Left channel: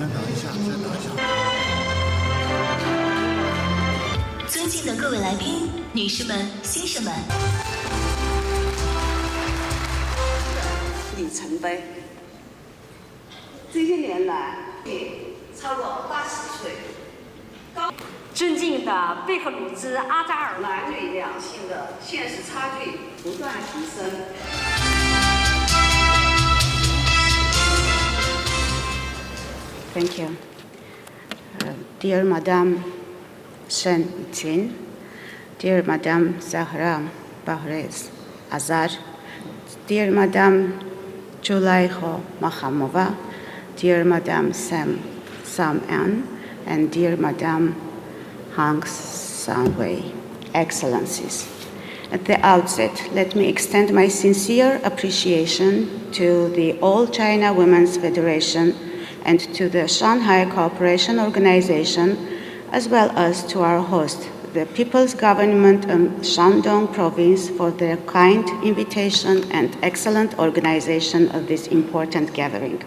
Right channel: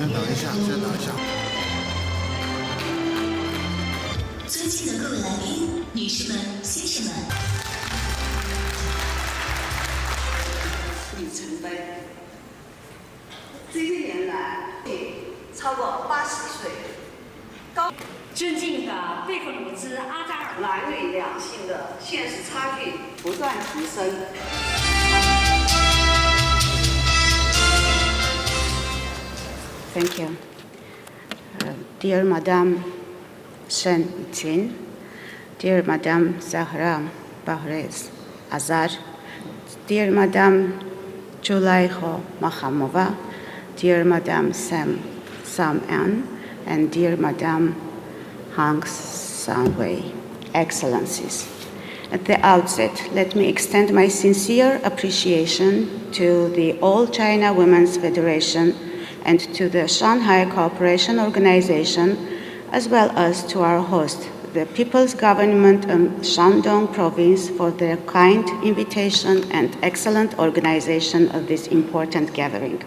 先等一下。尊敬的各位来宾，女士们、先生们，里程碑。这些年来，超过80岁，尊敬的贝克鲁兹阿扎尔，男女两性的现实差距不断提升。Thank you. Dear Madam Shen Tin, dear Madam Zahra Bahrez Azar, dear Madam Julayho Makhamova, dear Madam Sam An, and dear Madam Hang Sanwei, Excellencies. At the outset, let me extend my sincere appreciation to the All China Women's Federation and to the Shanghai Cooperation Organization, as well as to our host, the People's Government of Shandong Province, for their kind invitation and excellent organization of this important gathering.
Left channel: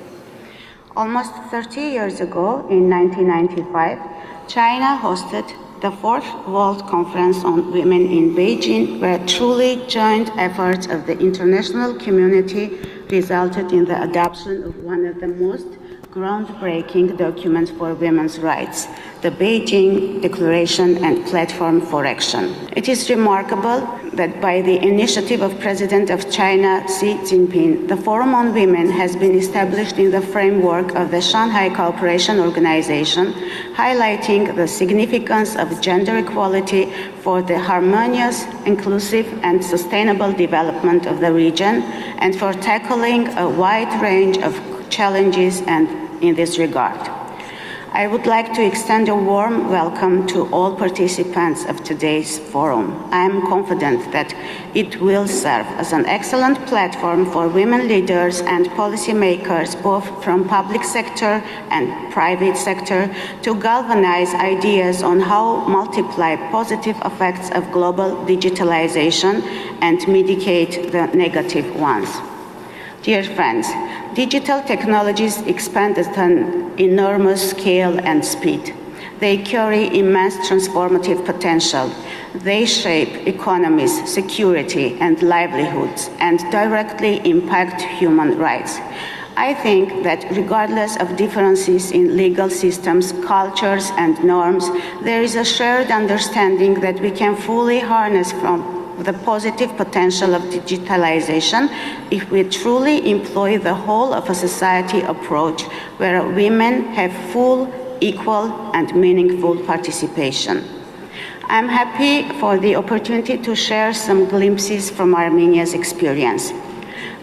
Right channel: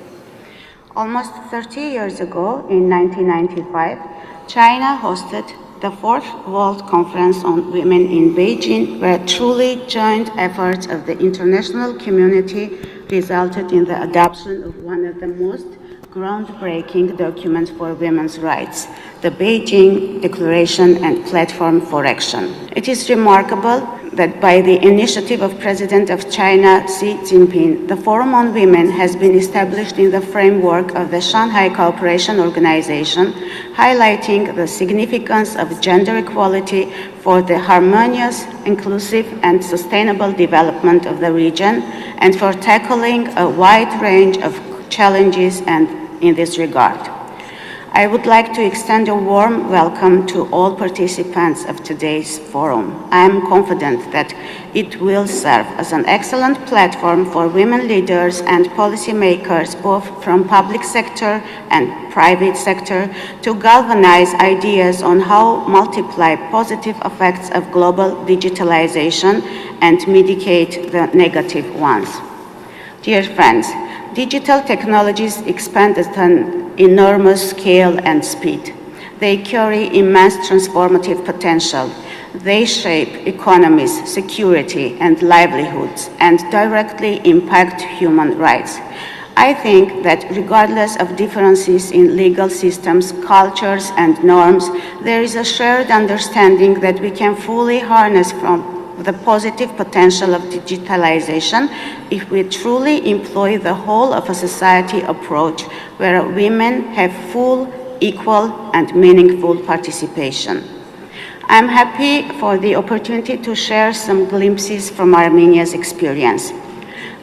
Almost 30 years ago, in 1995, China hosted the Fourth World Conference on Women in Beijing, where truly joint efforts of the international community resulted in the adoption of one of the most groundbreaking documents for women's rights, the Beijing Declaration and Platform for Action. It is remarkable that by the initiative of President of China, Xi Jinping, the Forum on Women has been established in the framework of the Shanghai Cooperation Organization, highlighting the significance of gender equality for the harmonious, inclusive, and sustainable development of the region, and for tackling a wide range of challenges and in this regard. I would like to extend a warm welcome to all participants of today's forum. I am confident that it will serve as an excellent platform for women leaders and policymakers, both from public sector and private sector, to galvanize ideas on how multiply positive effects of global digitalization and mitigate the negative ones. Dear friends, digital technologies expand at an enormous scale and speed. They carry immense transformative potential. They shape economies, security, and livelihoods, and directly impact human rights. I think that regardless of differences in legal systems, cultures, and norms, there is a shared understanding that we can fully harness from the positive potential of digitalization if we truly employ the whole of a society approach where women have full, equal, and meaningful participation. I'm happy for the opportunity to share some glimpses from Armenia's experience.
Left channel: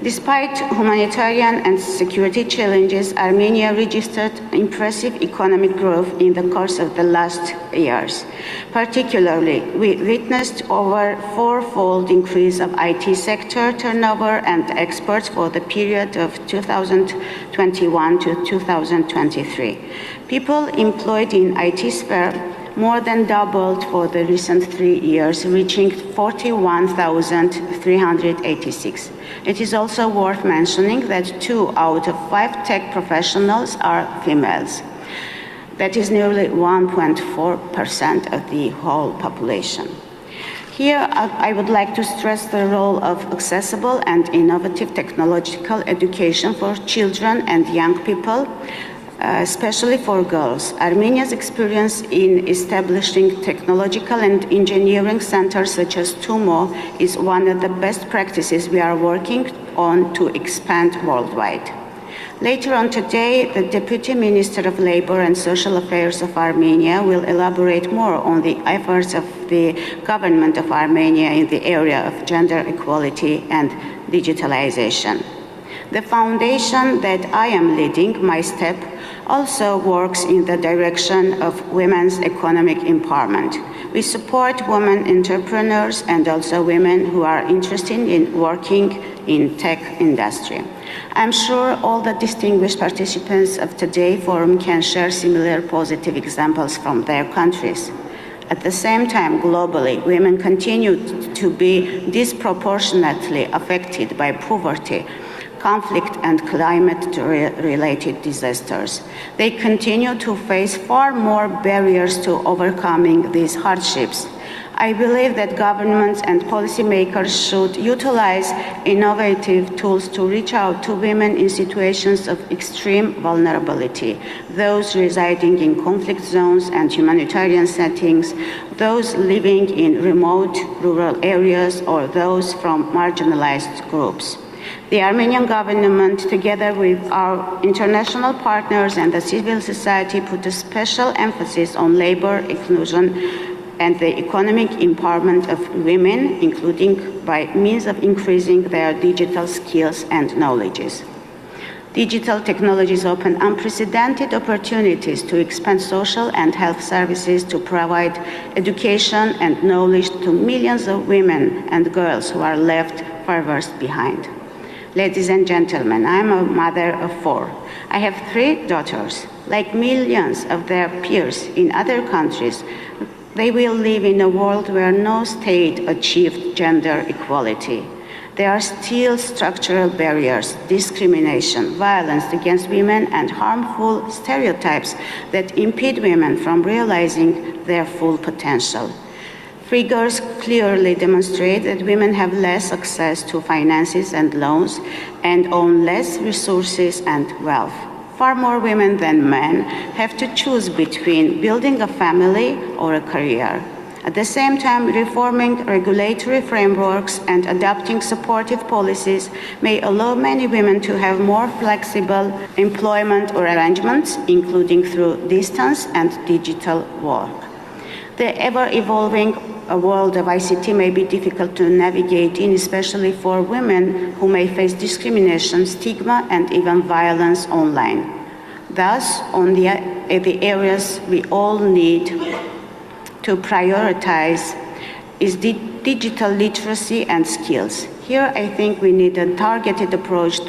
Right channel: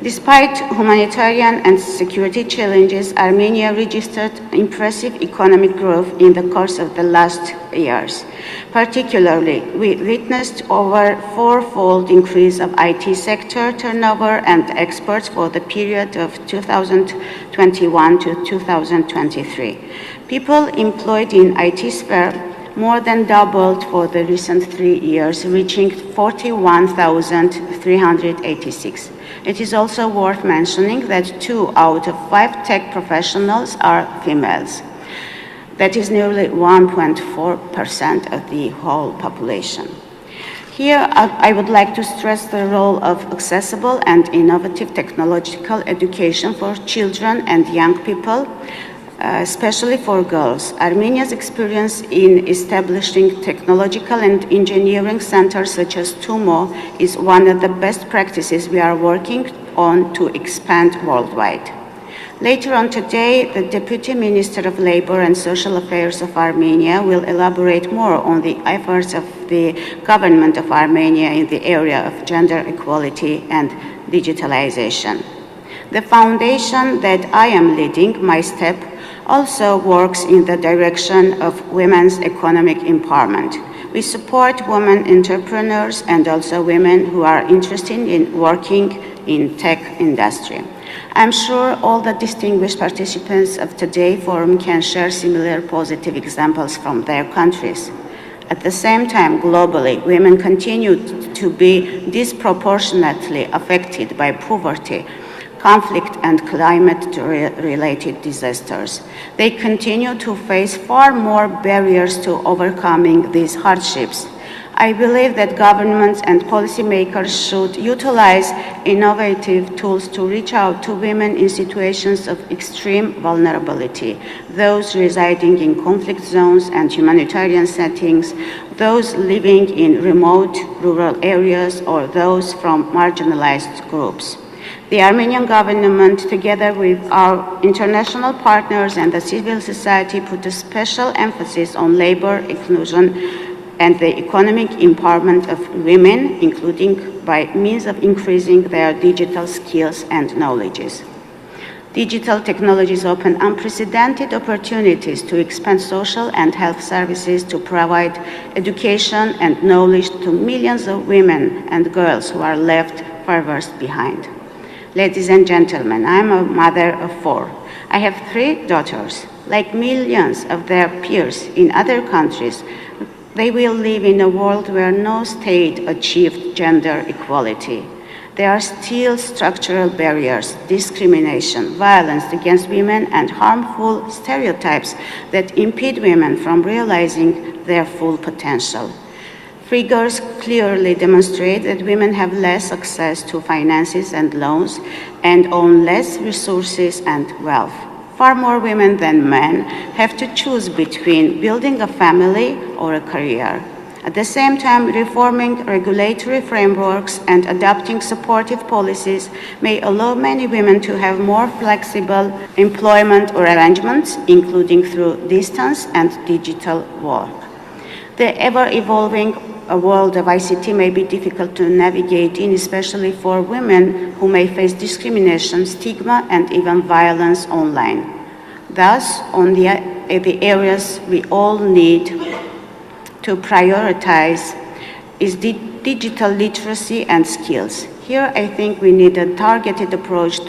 Despite humanitarian and security challenges, Armenia registered impressive economic growth in the course of the last years. Particularly, we witnessed over four-fold increase of IT sector turnover and exports for the period of 2021 to 2023. People employed in IT sphere more than doubled for the recent 3 years, reaching 41,386. It is also worth mentioning that 2 out of 5 tech professionals are females. That is nearly 1.4% of the whole population. Here, I would like to stress the role of accessible and innovative technological education for children and young people, especially for girls. Armenia's experience in establishing technological and engineering centers such as TUMO is one of the best practices we are working on to expand worldwide. Later on today, the Deputy Minister of Labor and Social Affairs of Armenia will elaborate more on the efforts of the government of Armenia in the area of gender equality and digitalization. The foundation that I am leading, My Step, also works in the direction of women's economic empowerment. We support women entrepreneurs and also women who are interested in working in tech industry. I'm sure all the distinguished participants of today's forum can share similar positive examples from their countries. At the same time, globally, women continue to be disproportionately affected by poverty, conflict and climate-related disasters. They continue to face far more barriers to overcoming these hardships. I believe that governments and policymakers should utilize innovative tools to reach out to women in situations of extreme vulnerability, those residing in conflict zones and humanitarian settings, those living in remote rural areas, or those from marginalized groups. The Armenian government, together with our international partners and the civil society, put a special emphasis on labor inclusion and the economic empowerment of women, including by means of increasing their digital skills and knowledges. Digital technologies open unprecedented opportunities to expand social and health services, to provide education and knowledge to millions of women and girls who are left furthest behind. Ladies and gentlemen, I'm a mother of 4. I have 3 daughters. Like millions of their peers in other countries, they will live in a world where no state achieved gender equality. There are still structural barriers, discrimination, violence against women, and harmful stereotypes that impede women from realizing their full potential. Figures clearly demonstrate that women have less access to finances and loans and own less resources and wealth. Far more women than men have to choose between building a family or a career. At the same time, reforming regulatory frameworks and adopting supportive policies may allow many women to have more flexible employment or arrangements, including through distance and digital work. The ever-evolving world of ICT may be difficult to navigate in, especially for women who may face discrimination, stigma, and even violence online. Thus, on the areas we all need to prioritize is digital literacy and skills. Here, I think we need a targeted approach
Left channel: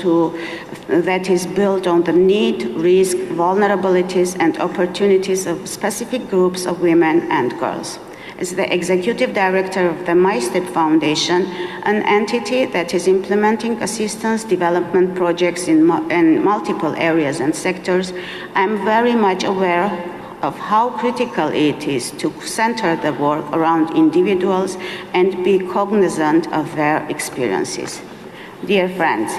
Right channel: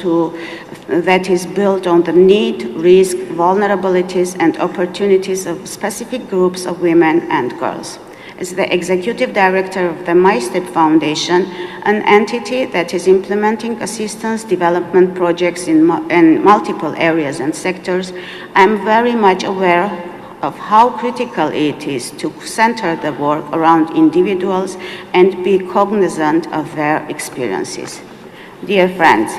that is built on the need, risk, vulnerabilities, and opportunities of specific groups of women and girls. As the executive director of the My Step Foundation, an entity that is implementing assistance development projects in multiple areas and sectors, I am very much aware of how critical it is to center the work around individuals and be cognizant of their experiences. Dear friends,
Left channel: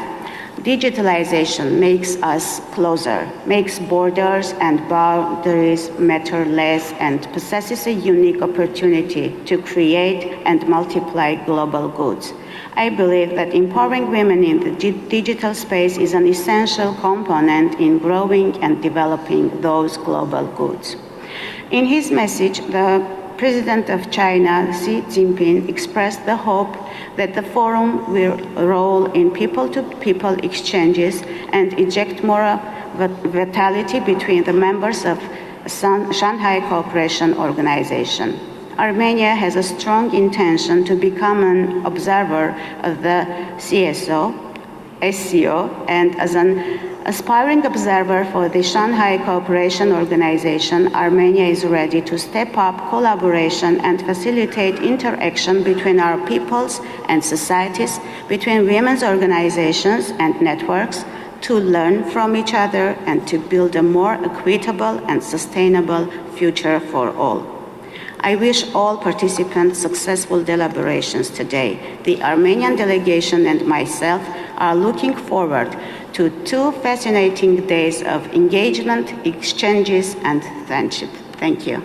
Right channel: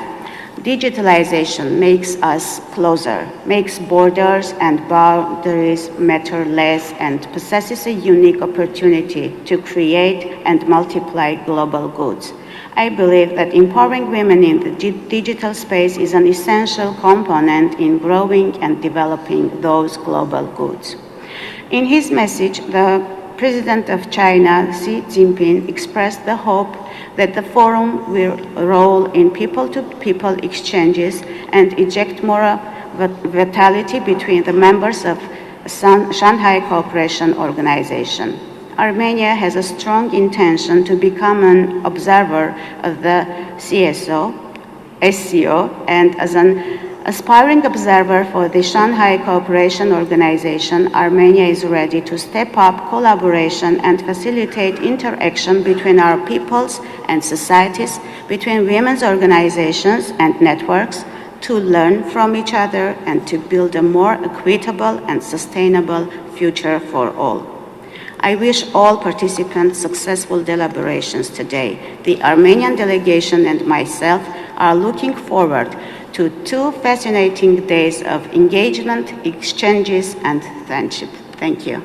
digitalization makes us closer, makes borders and boundaries matter less, and possesses a unique opportunity to create and multiply global goods. I believe that empowering women in the digital space is an essential component in growing and developing those global goods. In his message, the President of China, Xi Jinping, expressed the hope that the forum will roll in people-to-people exchanges and inject more vitality between the members of Shanghai Cooperation Organization. Armenia has a strong intention to become an observer of the SCO, and as an aspiring observer for the Shanghai Cooperation Organization, Armenia is ready to step up collaboration and facilitate interaction between our peoples and societies, between women's organizations and networks, to learn from each other and to build a more equitable and sustainable future for all. I wish all participants successful deliberations today. The Armenian delegation and myself are looking forward to 2 fascinating days of engagement, exchanges, and friendship. Thank you.